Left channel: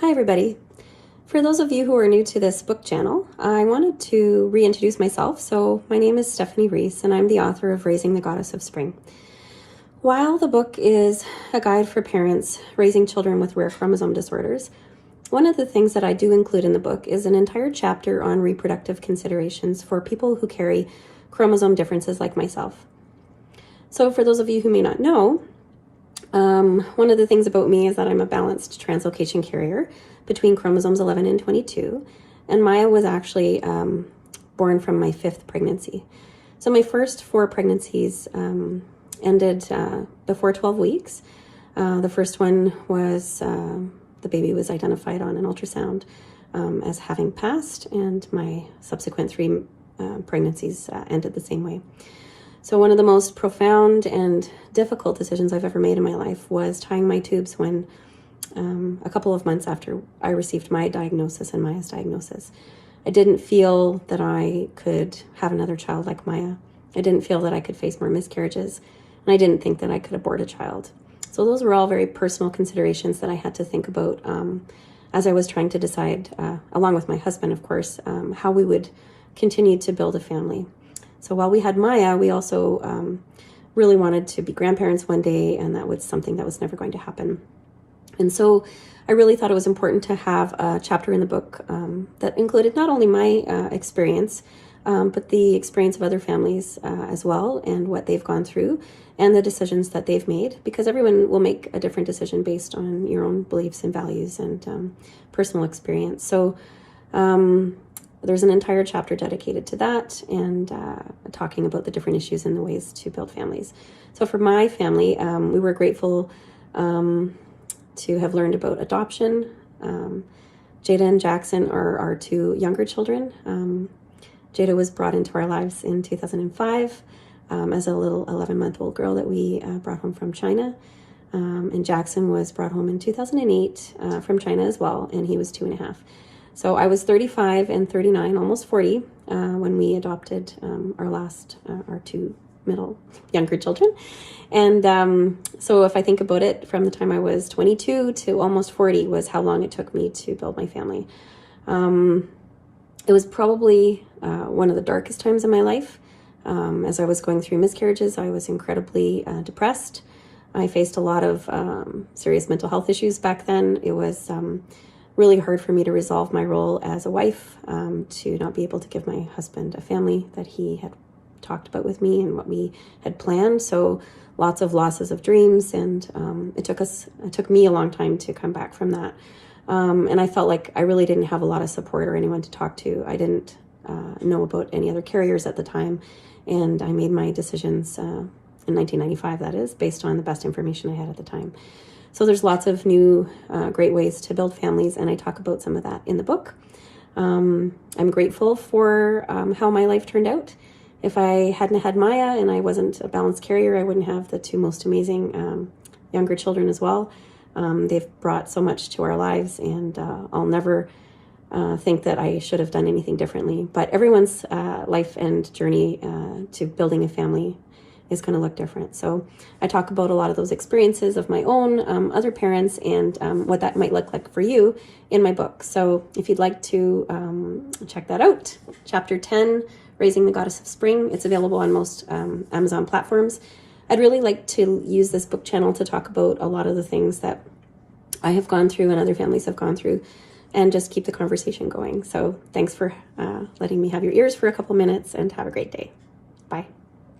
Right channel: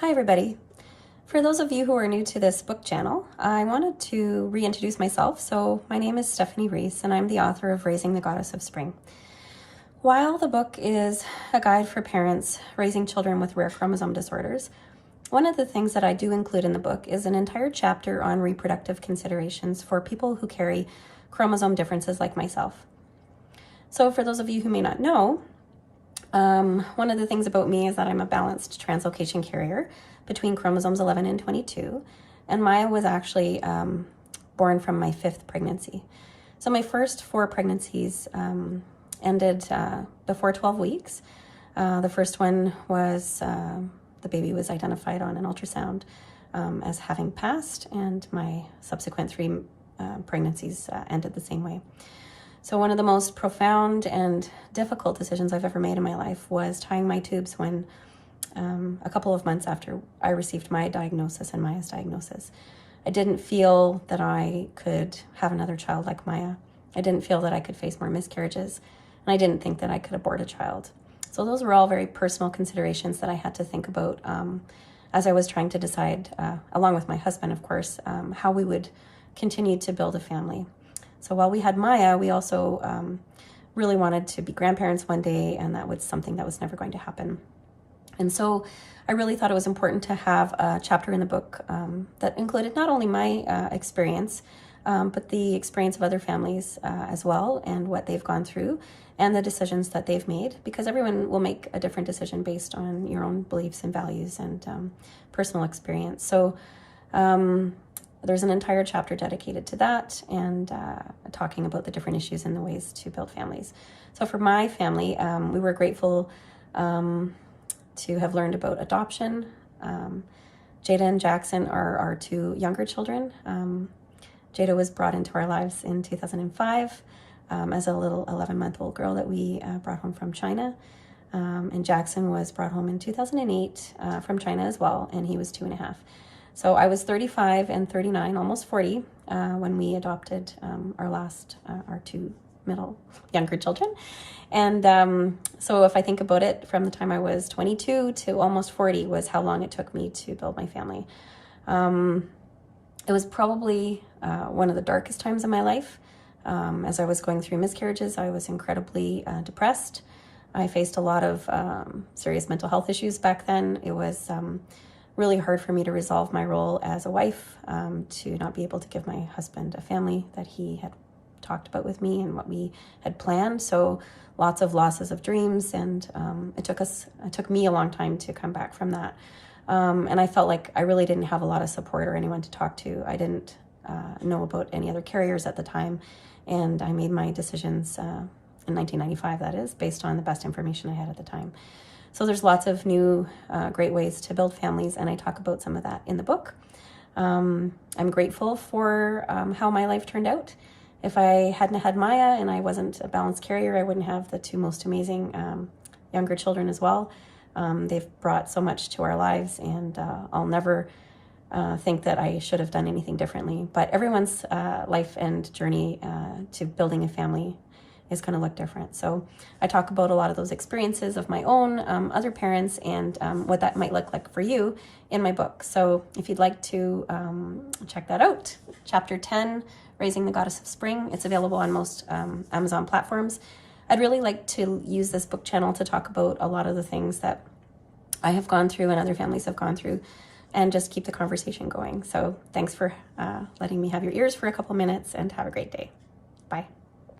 Hi everybody. For those of you who are new to this book channel, I wanted to reintroduce myself. So my name is Stephanie Rese and I'm the author of Raising the Goddess of Spring. While the book is a guide for parents raising children with rare chromosome disorders, one of the things that I do include in the book is an entire chapter on reproductive considerations for people who carry chromosome differences like myself. So for those of you who may not know, one of the things about me is that I'm a balanced translocation carrier between chromosomes 11 and 22, and Maya was actually born from my 5th pregnancy. So my first 4 pregnancies ended before 12 weeks. The first one was, the baby was identified on an ultrasound as having passed, and my subsequent 3 pregnancies ended the same way. So one of the most profound and difficult decisions I've ever made in my life was tying my tubes when a couple of months after I received my diagnosis and Maya's diagnosis. I didn't feel that I could have another child like Maya. I didn't feel that I could face more miscarriages, and I didn't think that I could abort a child. So those were all very personal considerations that I had to think about as I was trying to decide, along with my husband, of course, how we would continue to build a family. So while we had Maya, we also really wanted to be grandparents one day, and that was something that was never going to happen. And so I really thought it was important to have a chapter in the book that included not only my experience, but the experience of other families as well, and what they've gone through and the decisions that they've made, because everyone will make a different decision based on your own beliefs and values and personal experience. So there's an entire chapter dedicated to that and talking about the different issues and the ways to build families. So for my family, we were grateful to have learned about adoption. Jada and Jackson are our 2 younger children. Jada was brought into our lives in 2005 as a little 11-month-old girl that we brought home from China. And Jackson was brought home in 2008 from China as well, and he was 2.5. So I was 35 and 39, almost 40, when we adopted our 2 younger children. And so if I think about it, from the time I was 22 to almost 40 was how long it took me to build my family. It was probably one of the darkest times in my life. As I was going through miscarriages, I was incredibly depressed. I faced a lot of serious mental health issues back then. It was really hard for me to resolve my role as a wife, to not be able to give my husband a family that he had talked about with me and what we had planned. So lots of losses of dreams, and it took me a long time to come back from that. And I felt like I really didn't have a lot of support or anyone to talk to. I didn't know about any other carriers at the time, and I made my decisions in 1995, that is, based on the best information I had at the time. So there's lots of new great ways to build families, and I talk about some of that in the book. I'm grateful for how my life turned out. If I hadn't had Maya and I wasn't a balanced carrier, I wouldn't have the 2 most amazing younger children as well. They've brought so much to our lives, and I'll never think that I should have done anything differently. But everyone's life and journey to building a family is going to look different. So I talk about a lot of those experiences of my own, other parents, and what that might look like for you in my book. So if you'd like to check that out, Chapter 10, Raising the Goddess of Spring, it's available on most Amazon platforms. I'd really like to use this book channel to talk about a lot of the things that I have gone through and other families have gone through, and just keep the conversation going. So thanks for letting me have your ears for a couple minutes, and have a great day. Bye.